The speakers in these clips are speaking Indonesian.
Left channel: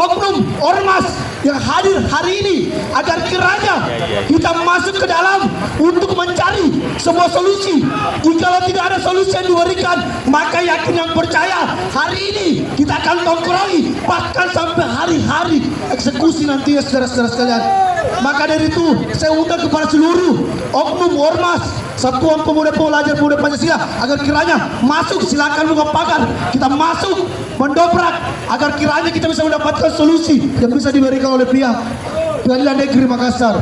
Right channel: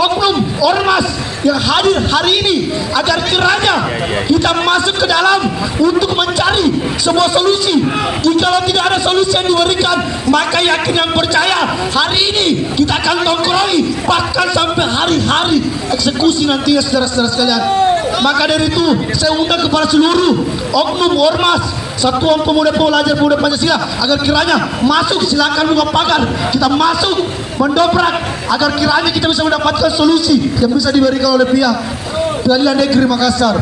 oknum ormas yang hadir hari ini agar kiranya kita masuk ke dalam untuk mencari sebuah solusi. Jikalau tidak ada solusi yang diberikan, maka yakin yang percaya hari ini kita akan tongkrongi bahkan sampai hari-hari eksekusi nantinya, saudara-saudara sekalian. Maka dari itu saya undang kepada seluruh oknum ormas, Satuan Pemuda Pelajar Pemuda Pancasila agar kiranya masuk, silakan buka pagar, kita masuk mendobrak agar kiranya kita bisa mendapatkan solusi yang bisa diberikan oleh pihak Pengadilan Negeri Makassar.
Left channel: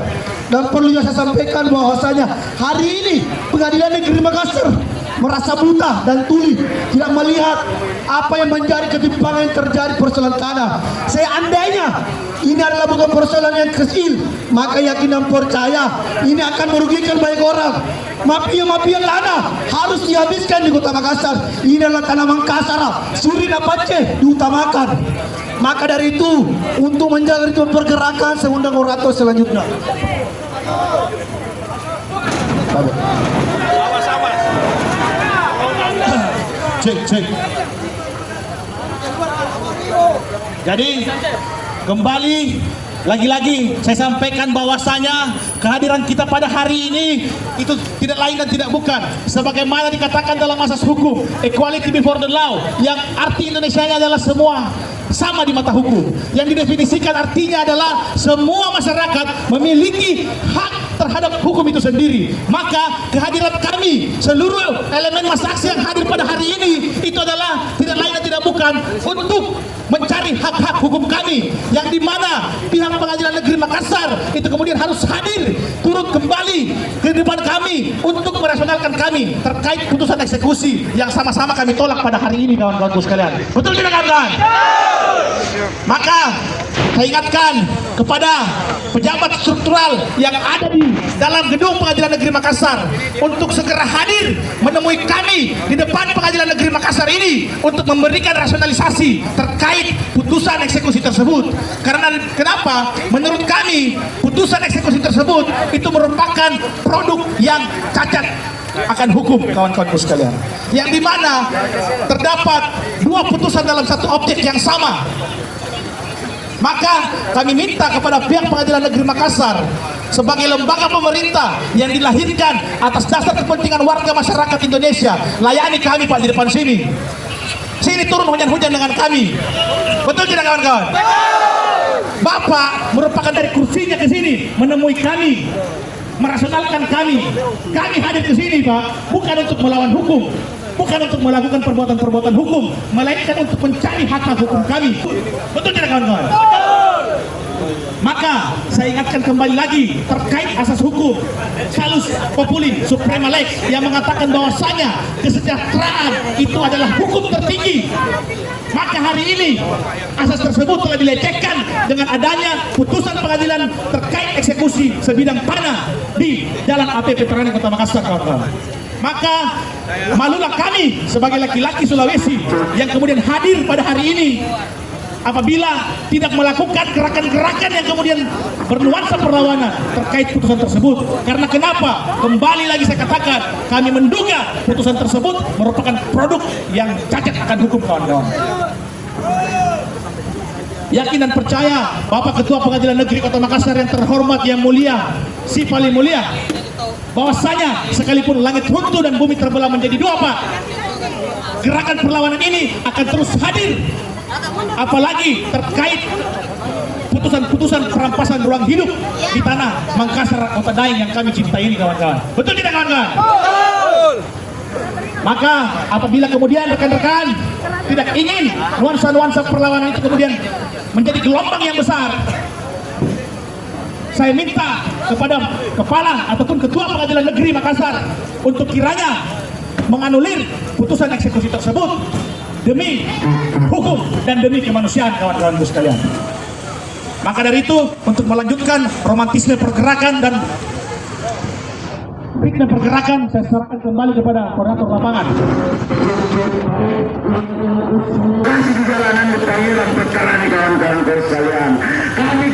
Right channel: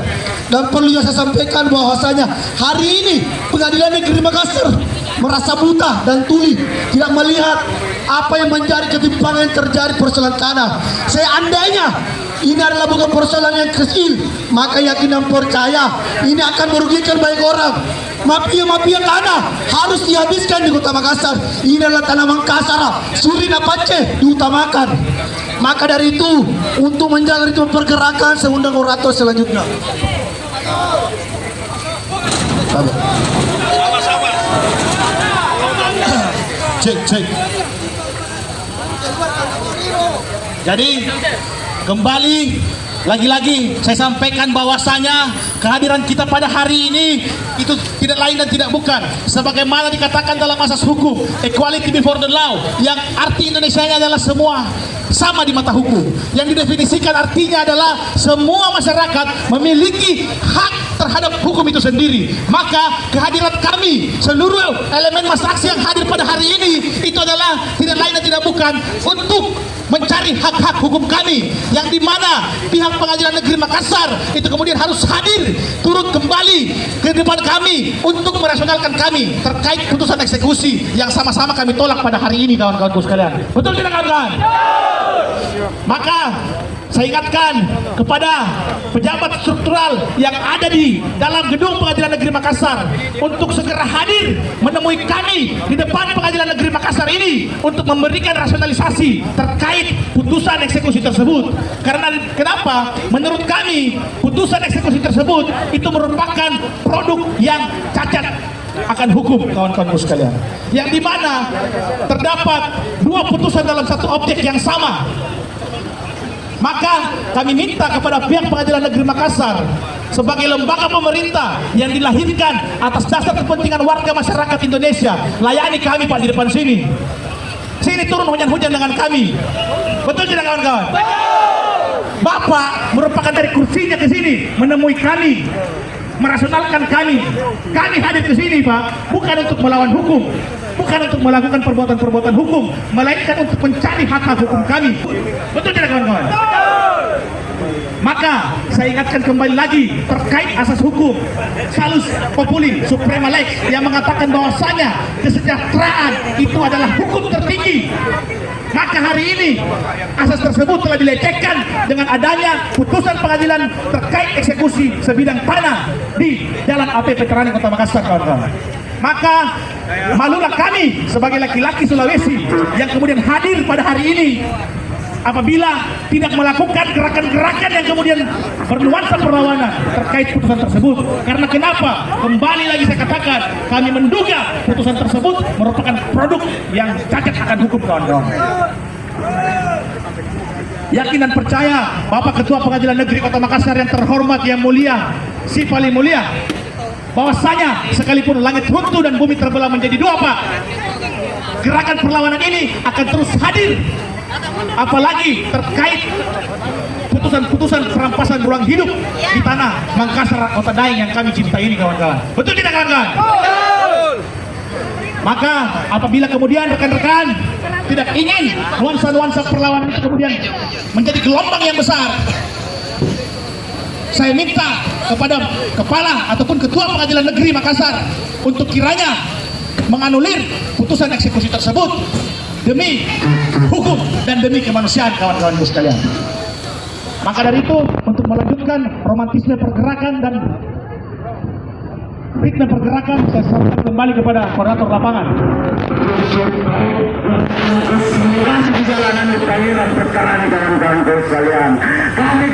Dan perlu saya sampaikan bahwasanya hari ini Pengadilan Negeri Makassar merasa buta dan tuli, tidak melihat apa yang menjadi ketimpangan yang terjadi persoalan tanah. Seandainya ini adalah bukan persoalan yang kecil, maka yakin dan percaya ini akan merugikan banyak orang. Mafia-mafia tanah harus dihabiskan di Kota Makassar. Ini adalah tanah Makassar, Suri dan Aceh diutamakan. Maka dari itu, untuk menjaga ritme pergerakan, saya undang orator selanjutnya. Cek. Jadi kembali lagi-lagi saya sampaikan bahwasanya kehadiran kita pada hari ini itu tidak lain dan tidak bukan sebagaimana dikatakan dalam asas hukum equality before the law, yang arti Indonesianya adalah semua sama di mata hukum. Yang didefinisikan artinya adalah semua masyarakat memiliki hak terhadap hukum itu sendiri. Maka kehadiran kami, seluruh elemen masyarakat yang hadir pada hari ini itu adalah tidak lain dan tidak bukan untuk mencari hak-hak hukum kami, yang dimana pihak Pengadilan Negeri Makassar itu kemudian harus hadir turut kembali ke depan kami untuk merasionalkan kami terkait putusan eksekusi yang sama-sama kami tolak pada hari ini, kawan-kawanku sekalian. Betul tidak, kawan-kawan? Maka saya ingatkan kepada pejabat struktural yang ada di dalam gedung Pengadilan Negeri Makassar untuk segera hadir menemui kami di depan Pengadilan Negeri Makassar ini untuk memberikan rasionalisasi terkait putusan eksekusi tersebut. Karena kenapa? Menurut kami putusan eksekusi tersebut itu merupakan produk yang cacat akan hukum, kawan-kawanku sekalian, yang dimana terdapat dua putusan dalam satu objek yang sama. Maka kami minta kepada pihak Pengadilan Negeri Makassar sebagai lembaga pemerintah yang dilahirkan atas dasar kepentingan warga masyarakat Indonesia, layani kami, Pak, di depan sini. Sini turun hujan-hujan dengan kami. Betul tidak, kawan-kawan? Bapak merupakan dari kursinya ke sini menemui kami, merasionalkan kami. Kami hadir ke sini, Pak, bukan untuk melawan hukum, bukan untuk melakukan perbuatan-perbuatan hukum, melainkan untuk mencari hak-hak hukum kami. Betul tidak, kawan-kawan? Maka saya ingatkan kembali lagi terkait asas hukum Salus Populi Suprema Lex yang mengatakan bahwasanya kesejahteraan itu adalah hukum tertinggi. Maka hari ini asas tersebut telah dilecehkan dengan adanya putusan pengadilan terkait eksekusi sebidang tanah di Jalan AP Veteran Kota Makassar, kawan-kawan. Maka malulah kami sebagai laki-laki Sulawesi yang kemudian hadir pada hari ini apabila tidak melakukan gerakan-gerakan yang kemudian bernuansa perlawanan terkait putusan tersebut. Karena kenapa? Kembali lagi saya katakan, kami menduga putusan tersebut merupakan produk yang cacat akan hukum, kawan-kawan. Yakin dan percaya Bapak Ketua Pengadilan Negeri Kota Makassar yang terhormat, yang mulia, si paling mulia, bahwasanya sekalipun langit runtuh dan bumi terbelah menjadi dua, Pak, gerakan perlawanan ini akan terus hadir, apalagi terkait putusan-putusan perampasan ruang hidup di tanah Makassar Kota Daeng yang kami cintai ini, kawan-kawan. Betul tidak, kawan-kawan? Maka apabila kemudian rekan-rekan tidak ingin nuansa-nuansa perlawanan itu kemudian menjadi gelombang yang besar, saya minta kepada kepala ataupun ketua Pengadilan Negeri Makassar untuk kiranya menganulir putusan eksekusi tersebut demi hukum dan demi kemanusiaan, kawan-kawan sekalian. Maka dari itu, untuk melanjutkan romantisme pergerakan dan ritme pergerakan, saya serahkan kembali kepada koordinator lapangan. Kasih di jalanan di panggilan pecahan, kawan-kawan sekalian. Kami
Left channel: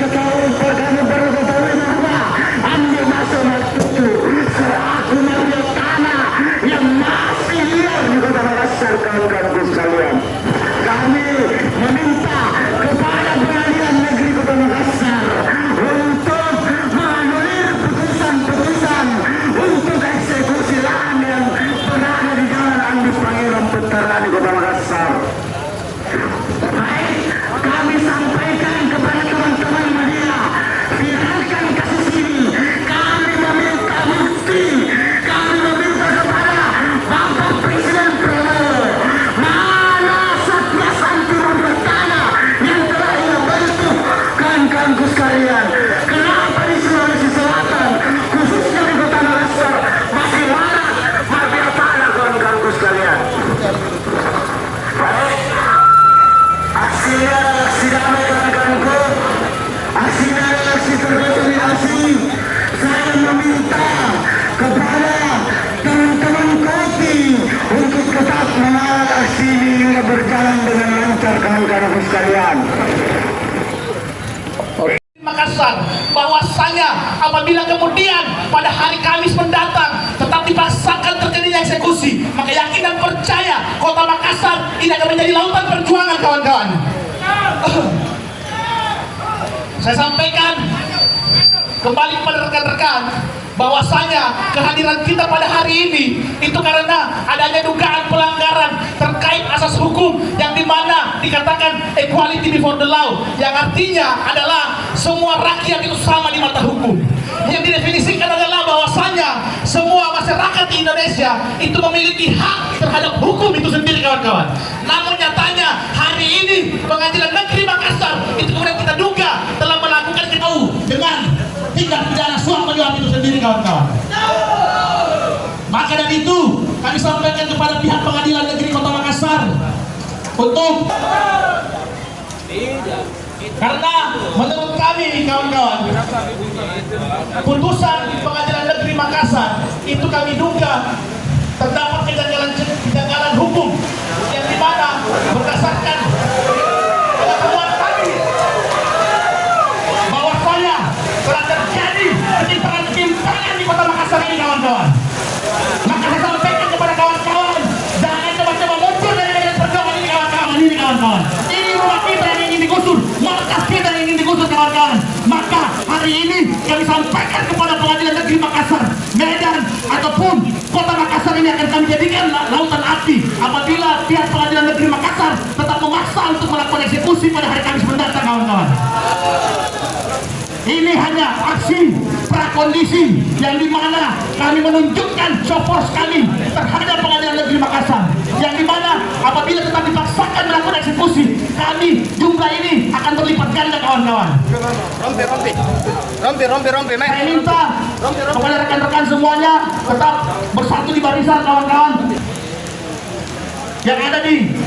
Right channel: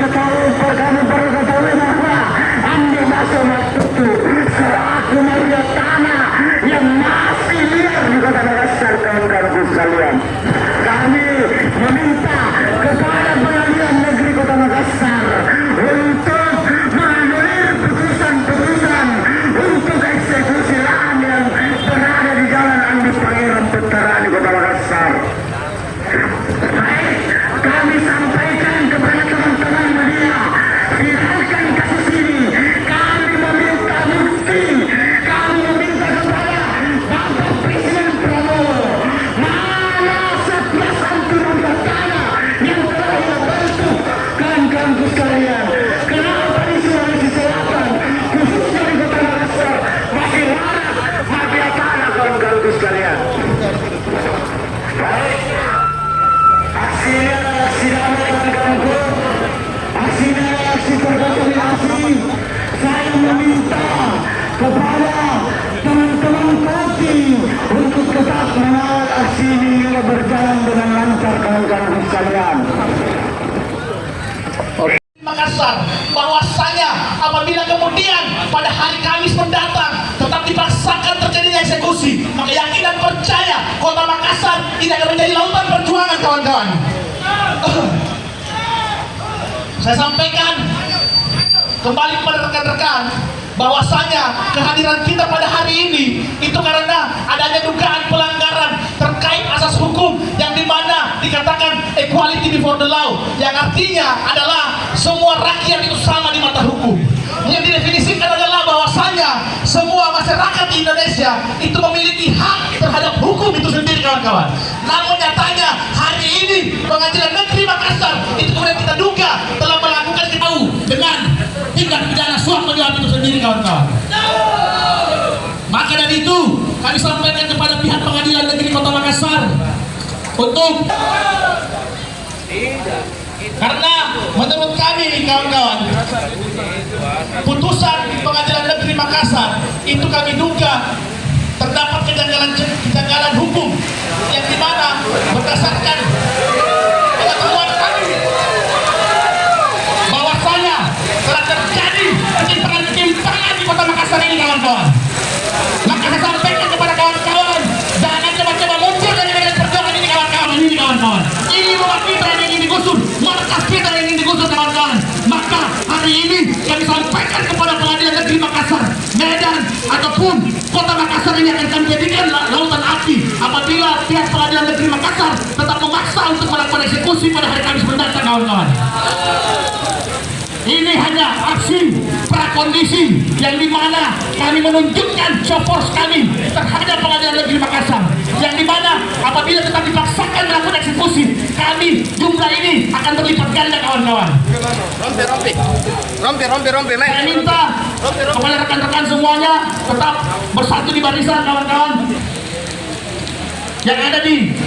perlu ketahui bahwa ambil masalah itu selaku media tanah yang masih liar di Kota Makassar, kawan-kawan sekalian. Kami meminta kepada pengadilan apabila kemudian pada hari Kamis mendatang tetap dipaksakan terjadinya eksekusi, maka yakin dan percaya kota Makassar ini akan menjadi lautan perjuangan, kawan-kawan. Saya sampaikan kembali kepada rekan-rekan bahwasanya kehadiran kita pada hari ini itu karena adanya dugaan pelanggaran terkait asas hukum yang dimana dikatakan equality before the law, yang artinya adalah semua rakyat itu sama di mata hukum. Yang didefinisikan adalah bahwasanya semua masyarakat di Indonesia itu memiliki hak terhadap hukum itu sendiri, kawan-kawan. Namun nyatanya hari ini Pengadilan Negeri Makassar itu kemudian kita duga telah melakukan dengan tindak pidana suap menyuap itu sendiri, kawan-kawan. Maka dari itu kami sampaikan kepada pihak Pengadilan Negeri Kota Makassar untuk, karena menurut kami, kawan-kawan, putusan Pengadilan Negeri Makassar itu kami duga terdapat kejanggalan hukum yang dimana berdasarkan pengetahuan kami bahwasanya telah terjadi ketimpangan di Kota Makassar ini, kawan-kawan. Maka saya sampaikan kepada kawan-kawan, jangan coba-coba muncul dari medan perjuangan ini, kawan-kawan. Ini rumah kita yang ingin digusur, markas kita yang ingin digusur, kawan-kawan. Maka hari ini kami sampaikan kepada Pengadilan Negeri Makassar, Medan ataupun Kota Makassar ini akan kami jadikan lautan api apabila pihak Pengadilan Negeri Makassar tetap memaksa untuk melakukan eksekusi pada hari Kamis mendatang, kawan-kawan. Ini hanya aksi prakondisi yang dimana kami menunjukkan show force kami terhadap Pengadilan Negeri Makassar, yang dimana apabila tetap dipaksakan melakukan eksekusi, kami jumlah ini akan berlipat ganda, kawan-kawan. Rompi, Saya minta kepada rekan-rekan semuanya tetap bersatu di barisan, kawan-kawan, yang ada di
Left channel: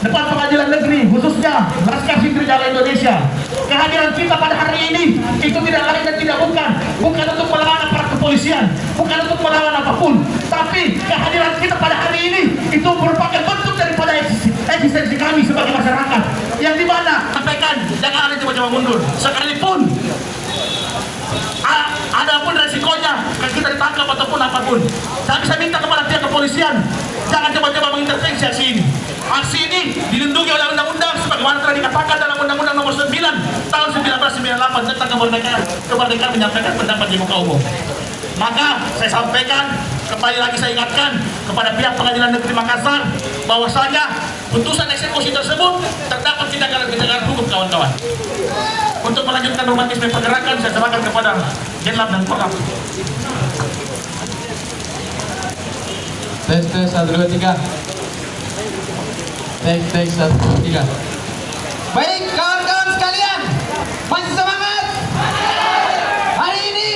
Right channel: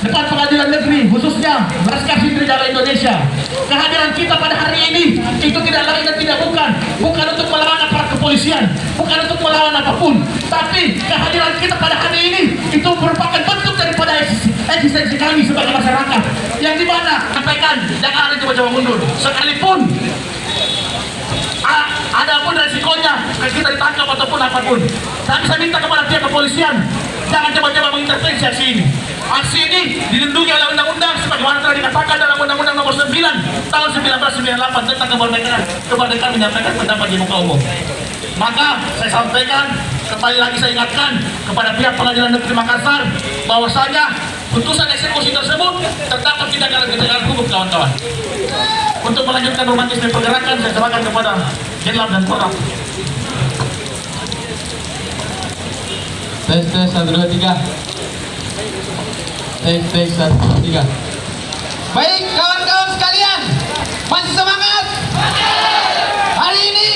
depan Pengadilan Negeri, khususnya Laskar Sindrigala Indonesia. Kehadiran kita pada hari ini itu tidak lain dan tidak bukan untuk melawan aparat kepolisian, bukan untuk melawan apapun, tapi kehadiran kita pada hari ini itu merupakan bentuk daripada eksistensi kami sebagai masyarakat, yang dimana sampaikan jangan ada coba-coba mundur sekalipun ada pun resikonya kita ditangkap ataupun apapun. Tapi saya minta kepada pihak kepolisian, jangan coba-coba mengintervensi aksi ini. Aksi ini dilindungi oleh undang-undang sebagaimana telah dikatakan dalam Undang-Undang Nomor 9 Tahun 1998 tentang kemerdekaan menyampaikan pendapat di muka umum. Maka saya sampaikan, kembali lagi saya ingatkan kepada pihak Pengadilan Negeri Makassar bahwasanya putusan eksekusi tersebut terdapat tindakan hukum, kawan-kawan. Untuk melanjutkan romantisme pergerakan, saya serahkan kepada Jenlab dan Korab. Tes 1 2 3. Tes 1 2 3. Baik, kawan-kawan sekalian, masih semangat? Hari ini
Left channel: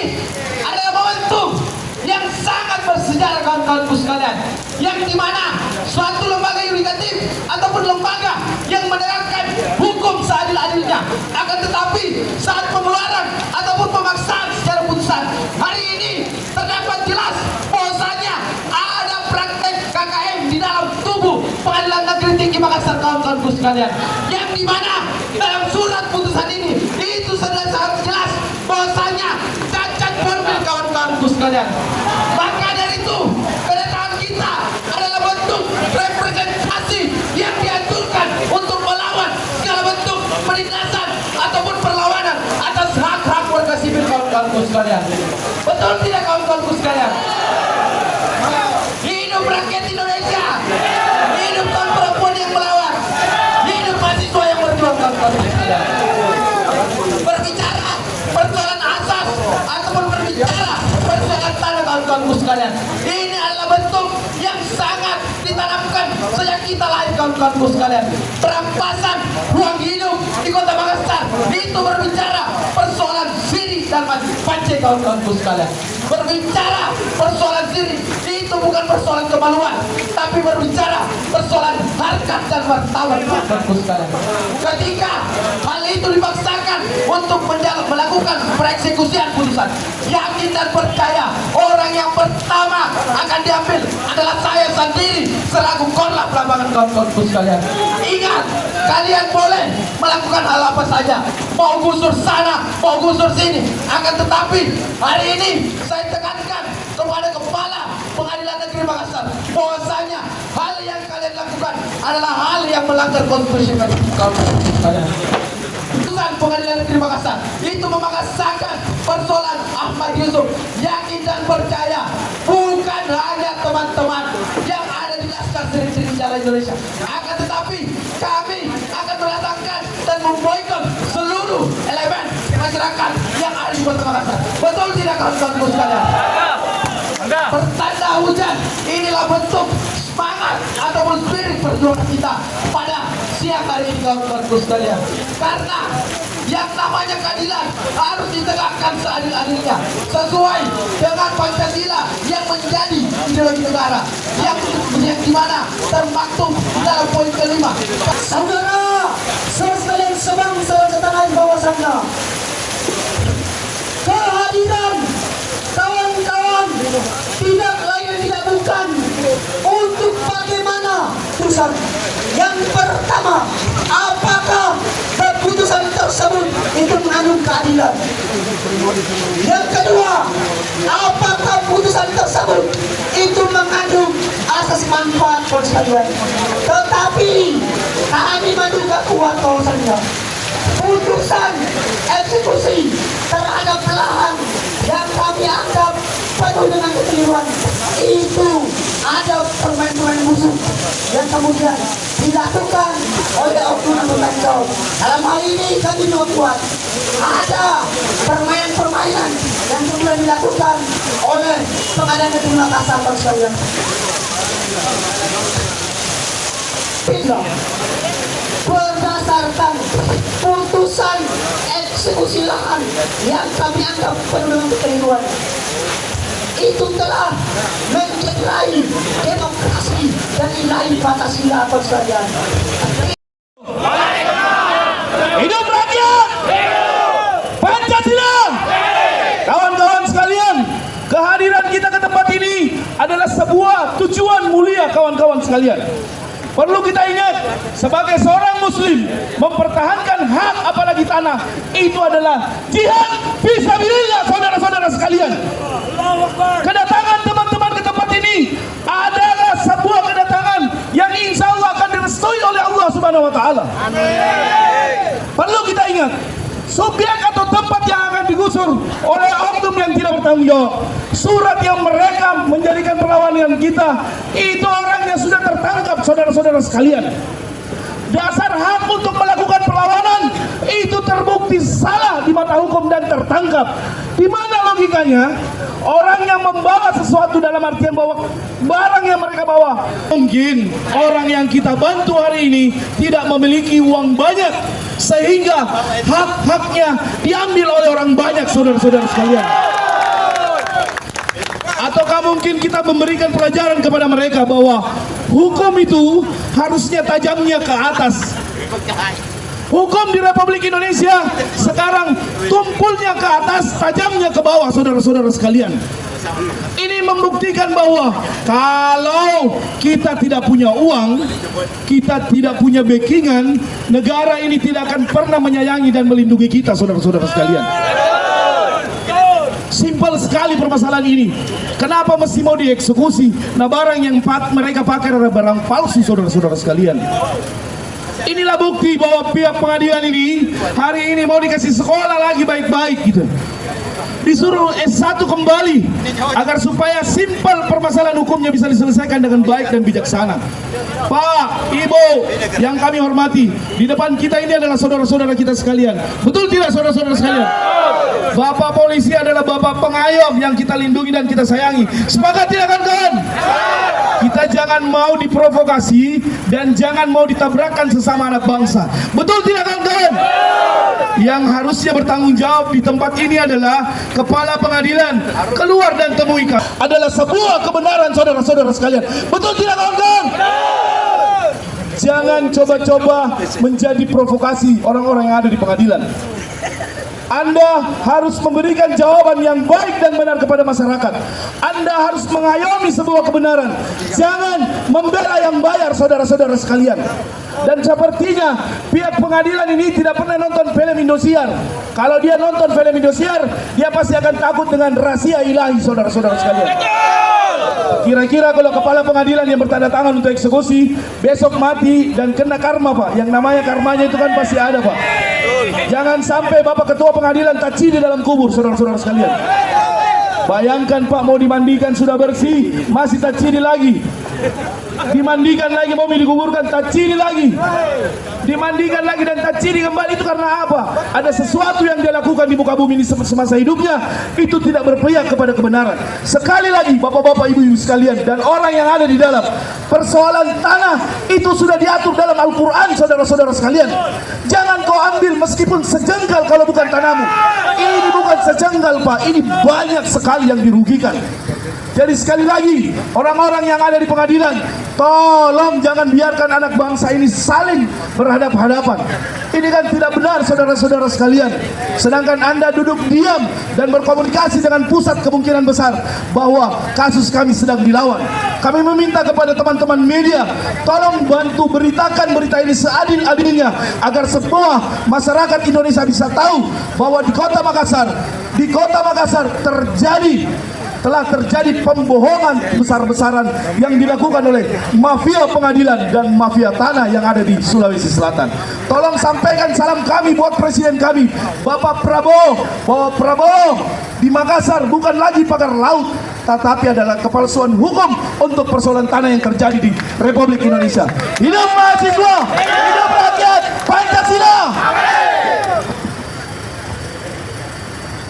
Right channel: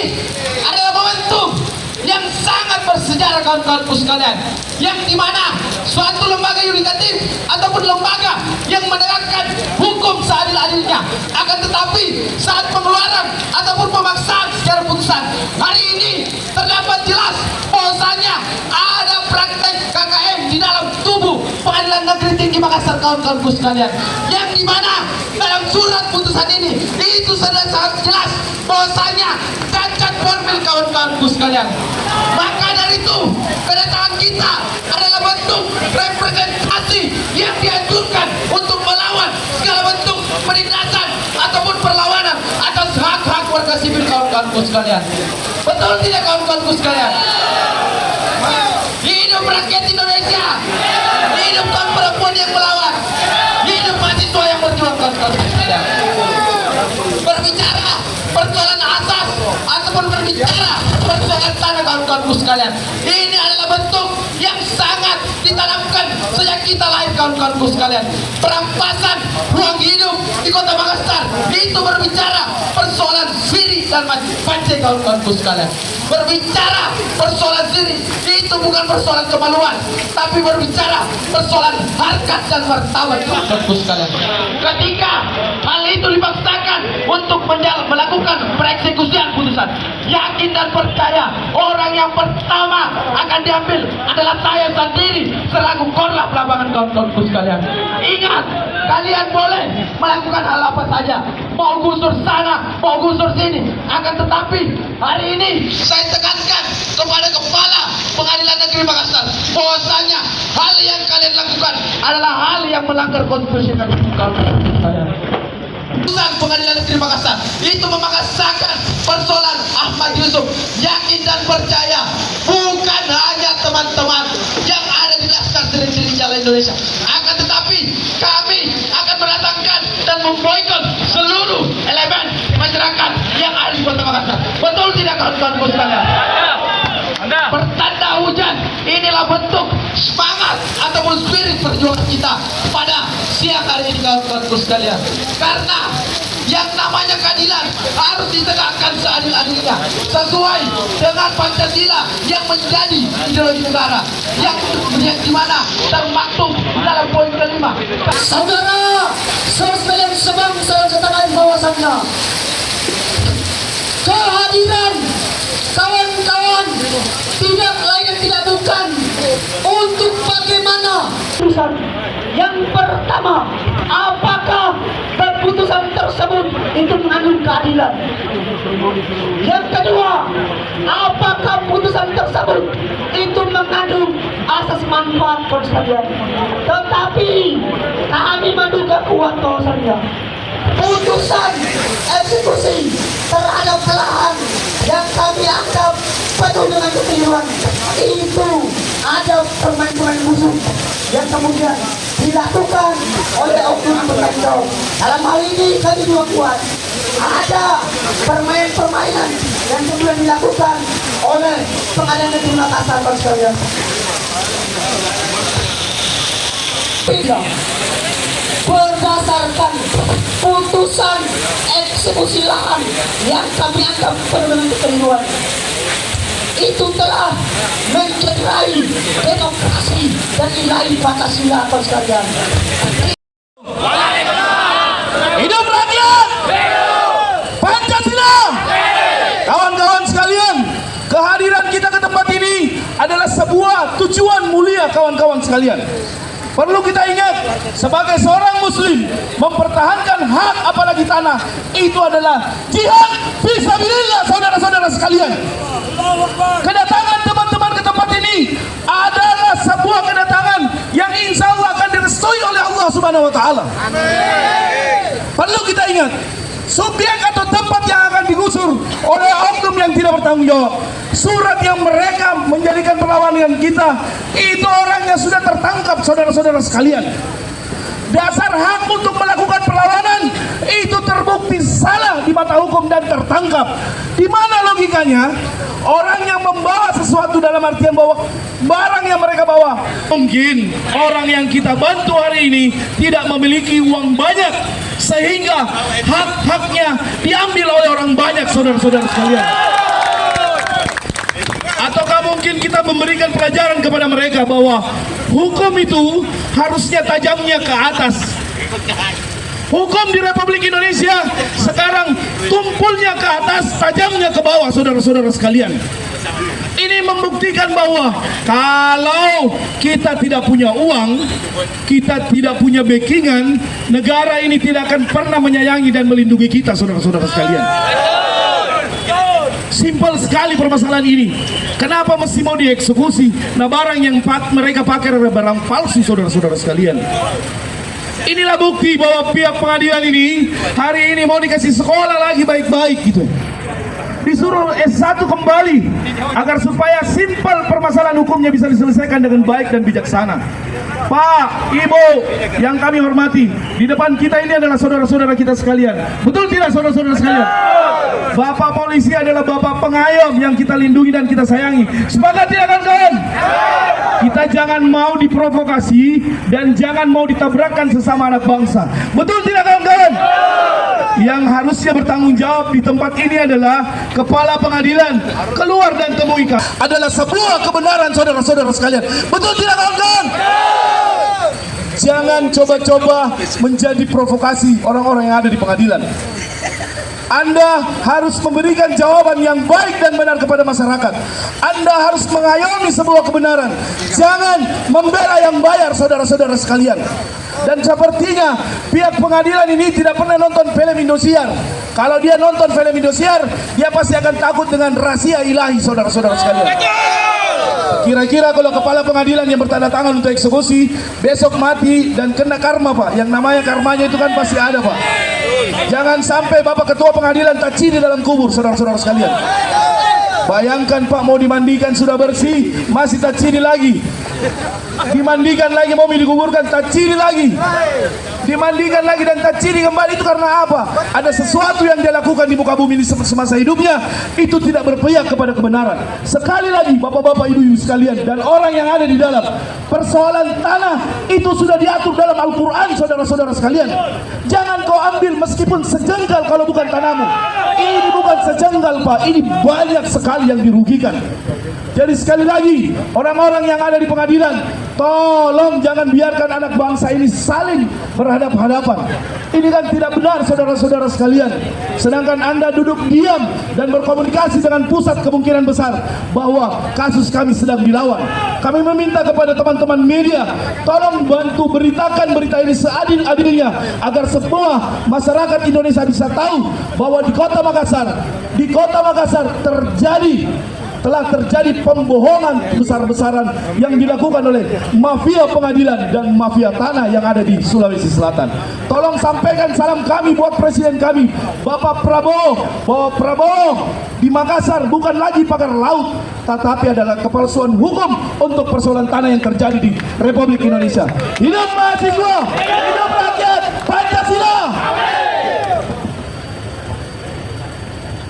adalah momentum yang sangat bersejarah, kawan-kawanku sekalian, yang dimana suatu lembaga yudikatif ataupun lembaga yang menegakkan hukum seadil-adilnya, akan tetapi saat pengeluaran ataupun pemaksaan secara putusan hari ini terdapat jelas bahwasanya ada praktek KKM di dalam tubuh Pengadilan Negeri Tinggi Makassar, kawan-kawanku sekalian, yang dimana dalam surat putusan ini itu sudah sangat jelas bahwasanya cacat formil, kawan-kawanku sekalian. Maka dari itu kedatangan kita adalah bentuk representasi yang dianjurkan untuk melawan segala bentuk penindasan ataupun perlawanan atas hak-hak warga sipil, kawan-kawanku sekalian. Betul tidak, kawan-kawanku sekalian? Hidup rakyat Indonesia, hidup kaum perempuan yang melawan, hidup mahasiswa yang berjuang, kawan-kawanku sekalian. Berbicara persoalan asas ataupun berbicara persoalan tanah, kawan-kawanku sekalian, ini adalah bentuk yang sangat ditanamkan sejak kita lahir, kawan-kawanku sekalian. Perampasan ruang hidup di Kota Makassar itu berbicara persoalan siri dan pancai, kawan-kawanku sekalian. Berbicara persoalan siri itu bukan persoalan kemaluan, tapi berbicara persoalan harkat dan martabat, kawan-kawanku sekalian. Ketika hal itu dipaksakan untuk melakukan pereksekusian putusan, yakin dan percaya orang yang pertama akan diambil adalah adalah saya sendiri selaku korlap lapangan kawan-kawanku sekalian. Ingat, kalian boleh melakukan hal apa saja, mau gusur sana, mau gusur sini, akan tetapi hari ini saya tekankan kepada Kepala Pengadilan Negeri Makassar bahwasanya hal yang kalian lakukan adalah hal yang melanggar konstitusi kawan-kawanku sekalian. Putusan Pengadilan Negeri Makassar itu memaksakan persoalan Ahmad Yusuf. Yakin dan percaya, bukan hanya teman-teman yang ada di Laskar Sering-Sering Jalan Indonesia, akan tetapi kami akan mendatangkan dan memboikot seluruh elemen masyarakat yang ada di Kota Makassar. Betul tidak kawan-kawanku sekalian? Pertanda hujan, inilah bentuk semangat ataupun spirit perjuangan kita pada siang hari ini kawan-kawanku sekalian. Karena yang namanya keadilan harus ditegakkan seadil-adilnya sesuai dengan Pancasila yang menjadi ideologi negara yang di mana termaktub dalam poin kelima. Saudara, sekalian sebangsa dan setanah bahwasannya kehadiran kawan-kawan tidak lain dan tidak bukan untuk bagaimana putusan yang pertama, apakah keputusan tersebut itu mengandung keadilan. Yang kedua, apakah putusan tersebut itu mengandung asas manfaat sekalian. Tetapi kami menduga kuat bahwasannya putusan eksekusi terhadap pelahan yang kami anggap penuh dengan kekeliruan itu ada permain-permain musuh yang kemudian dilakukan oleh oknum bertanggung. Dalam hal ini kami juga kuat ada permainan-permainan yang kemudian dilakukan oleh Pengadilan Negeri Makassar sekalian. Berdasarkan putusan eksekusi lahan yang kami anggap penuh dengan kekeliruan itu telah mencederai demokrasi dan nilai Pancasila sekalian. Hidup rakyat! Pancasila! Kawan-kawan sekalian, kehadiran kita ke tempat ini adalah sebuah tujuan mulia kawan-kawan sekalian. Perlu kita ingat, sebagai seorang muslim, mempertahankan hak apalagi tanah, itu adalah jihad fisabilillah saudara-saudara sekalian. Kedatangan teman-teman ke tempat ini adalah sebuah kedatangan yang insya Allah akan direstui oleh Allah Subhanahu wa Ta'ala. Perlu kita ingat, subjek atau tempat yang akan digusur oleh oknum yang tidak bertanggung jawab, surat yang mereka menjadikan perlawanan kita, itu orangnya sudah tertangkap saudara-saudara sekalian. Dasar hak untuk melakukan perlawanan itu terbukti salah di mata hukum dan tertangkap. Di mana logikanya? Orang yang membawa sesuatu dalam artian bahwa barang yang mereka bawa, mungkin orang yang kita bantu hari ini tidak memiliki uang banyak sehingga hak-haknya diambil oleh orang banyak saudara-saudara sekalian. Ataukah mungkin kita memberikan pelajaran kepada mereka bahwa hukum itu harusnya tajamnya ke atas. Hukum di Republik Indonesia sekarang tumpulnya ke atas, tajamnya ke bawah saudara-saudara sekalian. Ini membuktikan bahwa kalau kita tidak punya uang, kita tidak punya backingan, negara ini tidak akan pernah menyayangi dan melindungi kita saudara-saudara sekalian. Simpel sekali permasalahan ini. Kenapa mesti mau dieksekusi? Nah, barang yang mereka pakai adalah barang palsu saudara-saudara sekalian. Inilah bukti bahwa pihak pengadilan ini hari ini mau dikasih sekolah lagi baik-baik gitu. Disuruh S1 kembali agar supaya simpel permasalahan hukumnya bisa diselesaikan dengan baik dan bijaksana. Pak, Ibu yang kami hormati, di depan kita ini adalah saudara-saudara kita sekalian. Betul tidak saudara-saudara sekalian? Bapak polisi adalah bapak pengayom yang kita lindungi dan kita sayangi. Sepakat tidak kawan-kawan? Kita jangan mau diprovokasi dan jangan mau ditabrakkan sesama anak bangsa. Betul tidak kawan-kawan? Yang harusnya bertanggung jawab di tempat ini adalah kepala pengadilan. Keluar dan temui kami. Adalah sebuah kebenaran saudara-saudara sekalian. Betul tidak kawan-kawan? Jangan coba-coba menjadi provokasi orang-orang yang ada di pengadilan. Anda harus memberikan jawaban yang baik dan benar kepada masyarakat. Anda harus mengayomi sebuah kebenaran. Jangan membela yang bayar, saudara-saudara sekalian. Dan sepertinya pihak pengadilan ini tidak pernah nonton film Indosiar. Kalau dia nonton film Indosiar, dia pasti akan takut dengan rahasia ilahi, saudara-saudara sekalian. Kira-kira kalau kepala pengadilan yang bertanda tangan untuk eksekusi besok mati dan kena karma, Pak. Yang namanya karmanya itu kan pasti ada, Pak. Jangan sampai Bapak Ketua Pengadilan taciri dalam kubur, saudara-saudara sekalian. Bayangkan Pak, mau dimandikan sudah bersih, masih taciri lagi. Dimandikan lagi, mau dikuburkan, taciri lagi. Dimandikan lagi dan taciri kembali. Itu karena apa? Ada sesuatu yang dia lakukan di muka bumi ini semasa hidupnya, itu tidak berpihak kepada kebenaran. Sekali lagi Bapak-bapak, Ibu-ibu sekalian, dan orang yang ada di dalam, persoalan tanah itu sudah diatur dalam Al-Quran, saudara-saudara sekalian. Jangan kau ambil meskipun sejengkal kalau bukan tanahmu. Ini bukan sejengkal, Pak, ini banyak sekali yang dirugikan. Jadi sekali lagi, orang-orang yang ada di pengadilan, tolong jangan biarkan anak bangsa ini saling berhadap-hadapan. Ini kan tidak benar, saudara-saudara sekalian. Sedangkan Anda duduk diam dan berkomunikasi dengan pusat, kemungkinan besar bahwa kasus kami sedang dilawan. Kami meminta kepada teman-teman media, tolong bantu beritakan berita ini seadil-adilnya agar semua masyarakat Indonesia bisa tahu bahwa di Kota Makassar telah terjadi pembohongan besar-besaran yang dilakukan oleh mafia pengadilan dan mafia tanah yang ada di Sulawesi Selatan. Tolong sampaikan salam kami buat Presiden kami, Bapak Prabowo, bahwa Prabowo di Makassar bukan lagi pagar laut, tetapi adalah kepalsuan hukum untuk persoalan tanah yang terjadi di Republik Indonesia. Hidup mahasiswa, hidup rakyat, Pancasila.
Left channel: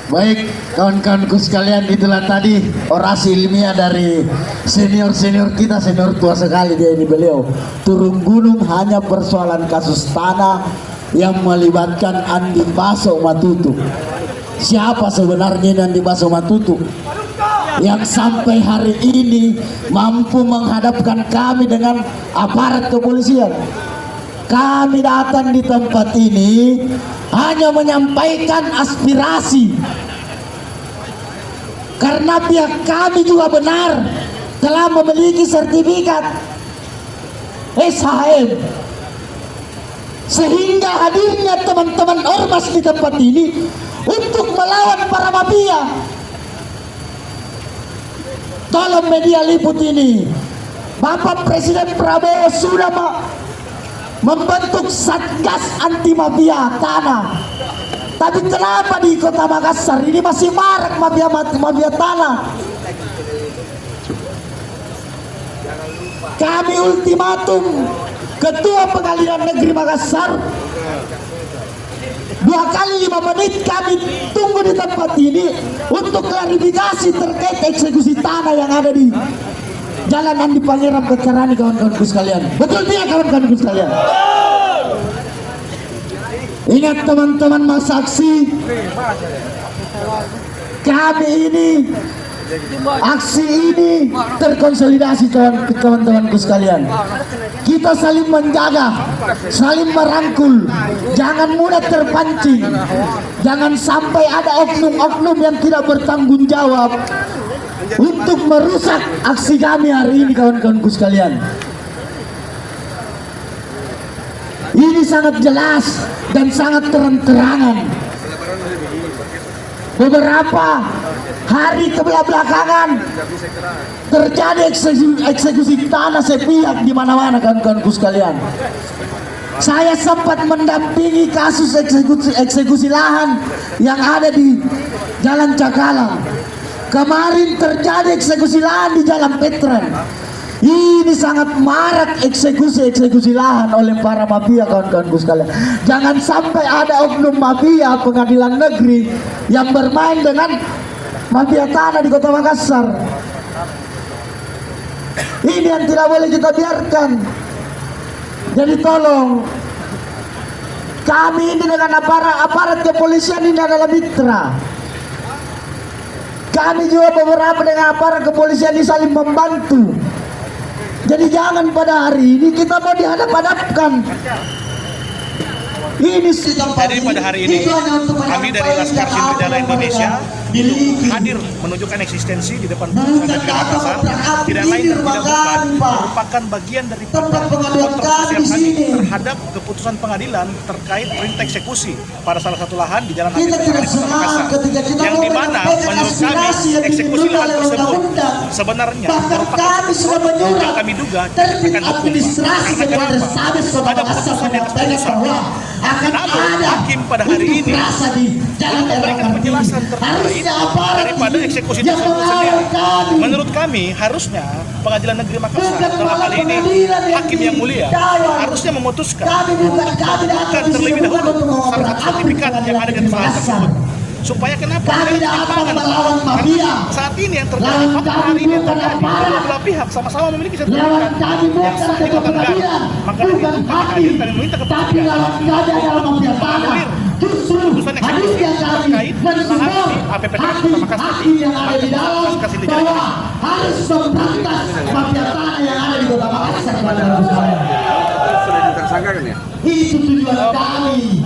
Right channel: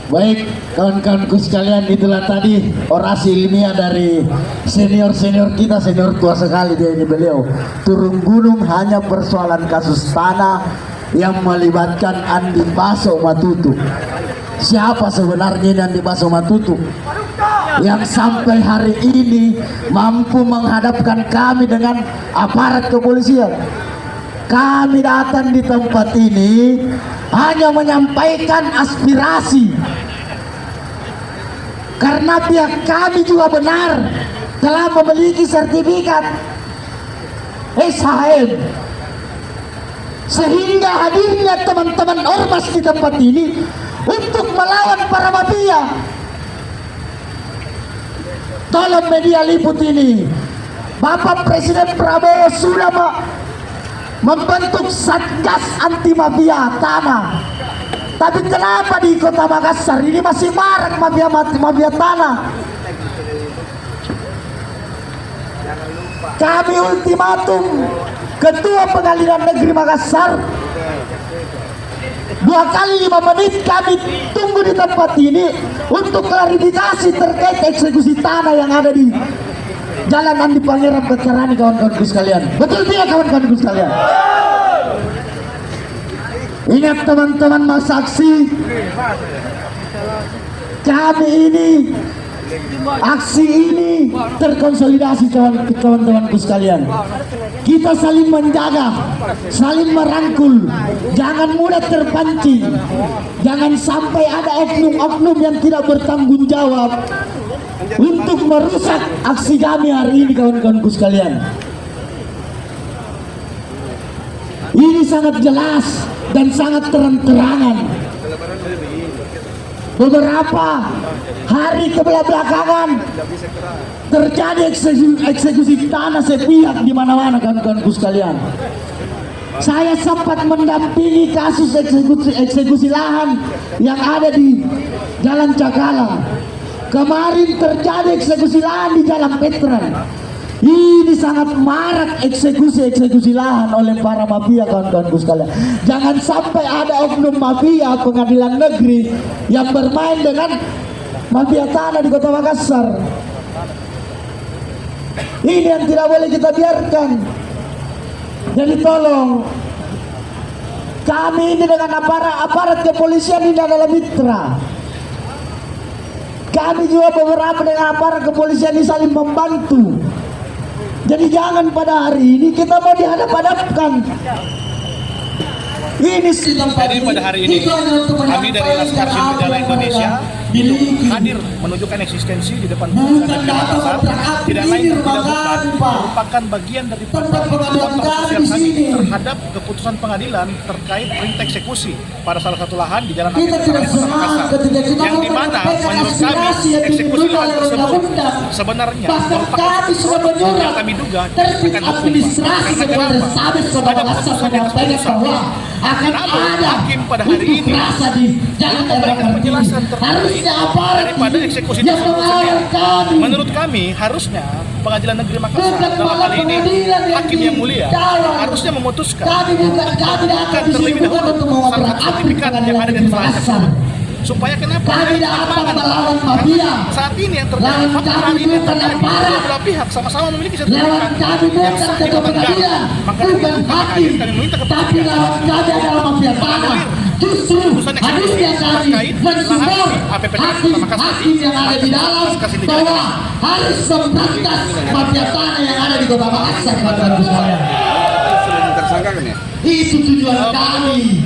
Baik, kawan-kawanku sekalian, itulah tadi orasi ilmiah dari senior-senior kita, senior tua sekali dia ini beliau. Turun gunung hanya persoalan kasus tanah yang melibatkan Andi Baso Matutu. Siapa sebenarnya Andi Baso Matutu yang sampai hari ini mampu menghadapkan kami dengan aparat kepolisian? Kami datang di tempat ini hanya menyampaikan aspirasi, karena pihak kami juga benar telah memiliki sertifikat SHM, sehingga hadirnya teman-teman ormas di tempat ini untuk melawan para mafia. Tolong media liput ini, Bapak Presiden Prabowo sudah membentuk Satgas Anti Mafia Tanah. Tapi kenapa di Kota Makassar ini masih marak mafia tanah? Kami ultimatum Ketua Pengadilan Negeri Makassar, 2 kali 5 menit kami tunggu di tempat ini untuk klarifikasi terkait eksekusi tanah yang ada di Jalan Andi Pangeran Kecarani, kawan-kawanku sekalian. Betul tidak, kawan-kawanku sekalian? Ingat teman-teman saksi, kami ini, aksi ini terkonsolidasi, kawan-kawanku sekalian. Kita saling menjaga, saling merangkul, jangan mudah terpancing, jangan sampai ada oknum-oknum yang tidak bertanggung jawab untuk merusak aksi kami hari ini, kawan-kawanku sekalian. Ini sangat jelas dan sangat terang-terangan. Beberapa hari kebelakangan terjadi eksekusi tanah sepihak di mana-mana, kawan-kawanku sekalian. Saya sempat mendampingi kasus eksekusi lahan yang ada di Jalan Cakala. Kemarin terjadi eksekusi lahan di Jalan Petran. Ini sangat marak eksekusi lahan oleh para mafia, kawan-kawanku sekalian. Jangan sampai ada oknum mafia pengadilan negeri yang bermain dengan mafia tanah di Kota Makassar. Ini yang tidak boleh kita biarkan. Jadi tolong, kami ini dengan aparat kepolisian ini adalah mitra. Kami juga beberapa dengan aparat kepolisian ini saling membantu. Jadi jangan pada hari ini kita mau dihadap-hadapkan. Ini sidang Jadi pada hari ini kami dari Laskar Sindikjala Indonesia hadir menunjukkan eksistensi di depan Pengadilan Negeri Makassar. Tidak lain dan tidak bukan merupakan bagian daripada kontroversial kami terhadap keputusan pengadilan terkait perintah eksekusi pada salah satu lahan di Jalan Habib Kota Makassar, yang dimana menurut kami eksekusi lahan tersebut sebenarnya merupakan yang kami duga tidak akan hukum, Pak. Karena kenapa? Ada putusan di atas putusan. Namun hakim pada hari ini belum memberikan penjelasan terkait daripada eksekusi tersebut sendiri. Menurut kami harusnya Pengadilan Negeri Makassar dalam hal ini hakim yang mulia harusnya memutuskan untuk membuka terlebih dahulu salah satu sertifikat yang ada di atas lahan tersebut. Supaya kenapa? Kami Karena dapat melawan mafia. saat ini yang terjadi, fakta hari ini yang terjadi, kedua belah pihak sama-sama memiliki sertifikat yang sah di bawah negara. Maka dari itu kami hadir dan meminta kepada tapi lawan kami adalah mafia tanah. Justru putusan harusnya eksekusi kami terkait mensupport lahan di APPK hakim Kota Makassar yang ada di dalam Laskar Sindikjala bahwa Indonesia. harus memberantas mafia tanah yang ada di Kota Makassar, bapak-bapak sekalian. Itu tujuan kami.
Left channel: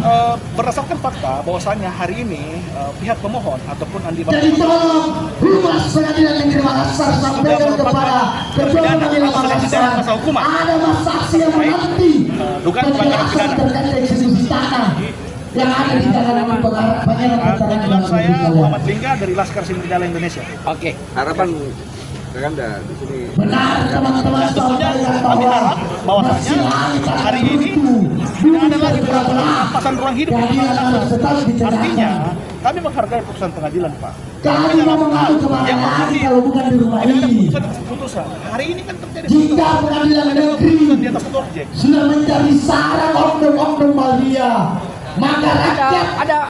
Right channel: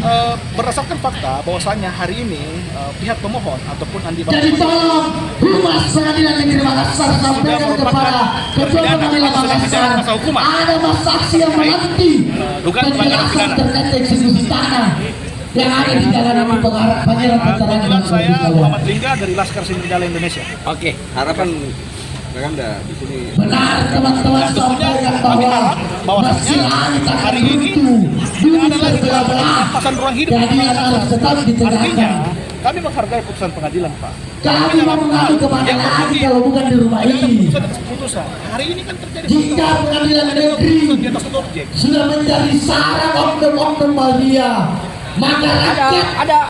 Berdasarkan fakta bahwasanya hari ini pihak pemohon ataupun Andi Jadi tolong Humas Pengadilan Negeri Makassar sampaikan kepada Ketua Pengadilan Makassar ada saksi yang menanti dugaan pelanggaran penjelasan pidana. terkait eksekusi tanah yang ada di Jalan Nabi Pangeran Petarang. Kebetulan saya Muhammad Lingga dari Laskar Sindikjala Indonesia. Oke, harapan Anda di sini. Benar teman-teman sampaikan Kami harap bahwa bahwasanya hari ini tidak ada lagi perampasan ruang hidup di keadilan harus Makassar. tetap Artinya ditegakkan. kami menghargai putusan pengadilan, Pak. Kami mau mengadu kemana yang lagi penting kalau bukan di rumah tidak ada ini. putusan atas putusan. Hari ini kan terjadi Jika Pengadilan Negeri di atas satu objek. sudah mencari sarang oknum-oknum mafia, maka rakyat